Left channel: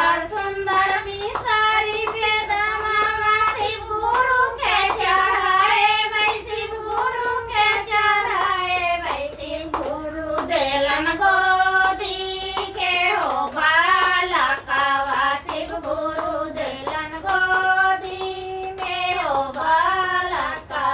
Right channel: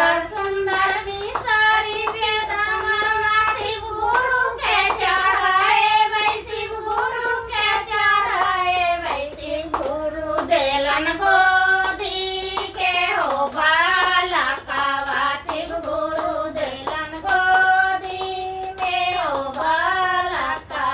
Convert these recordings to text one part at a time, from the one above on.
सुंदर सुंदर बिसारी बेदमा शिव गुरु के चढ़ाए भाई शिव गुरु के चढ़ाए भाई शिव गुरु देलन गोदी के हो बालकवा शिव गुरु देलन गोदी में हो बालकवा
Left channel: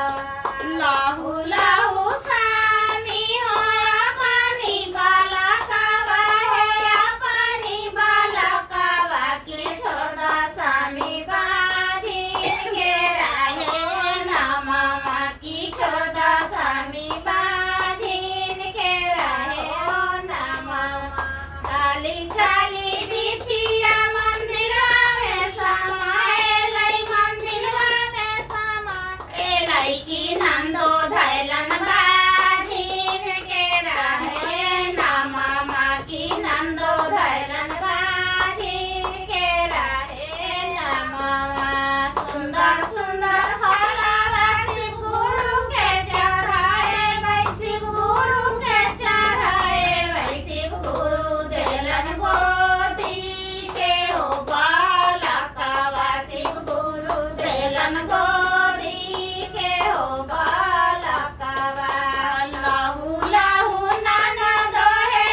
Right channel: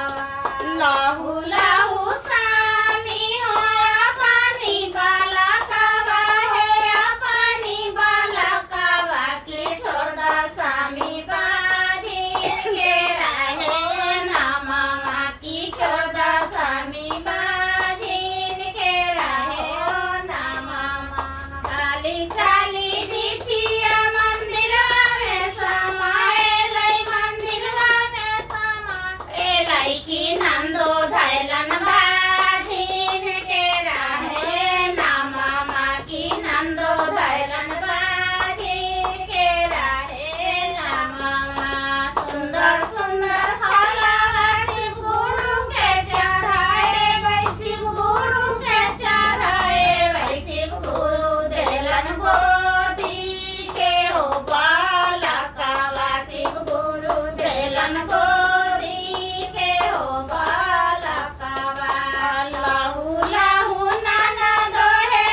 लहू लहू सानी होया पानी बालकवा है पानी बालकवा के छोड़ द सामी बाजी के रहे ना मामा की छोड़ द सामी बाजी के रहे ना मामा खाली खाली बिछिया मंदिरवा में समाए लई मंदिरवा में समाए लई की नंदो धैलन बाजीन के रहे ना मामा की नंदो धैलन बाजीन के रहे ना मामा सुंदर सुंदर फलवा शिव गुरु के चढ़ाए भाई शिव गुरु के चढ़ाए भाई शिव गुरु देलन गोदी के हो बालकवा शिव गुरु देलन गोदी के हो बालकवा लहू लहू ननद है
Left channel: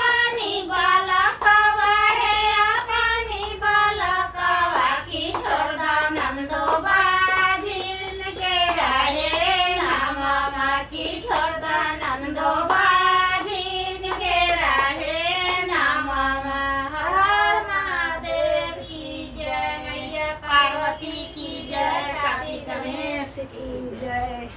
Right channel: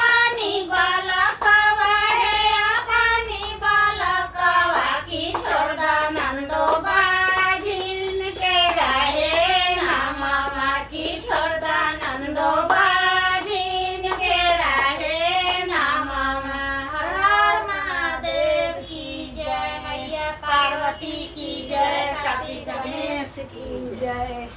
पानी बालकवा है पानी बालकवा की छोड़ द नंदो बाजिन के रहे ना मामा की छोड़ द नंदो बाजिन के रहे ना मामा हर हर महादेव की जय मैया पार्वती की जय कार्तिक गणेश की जय।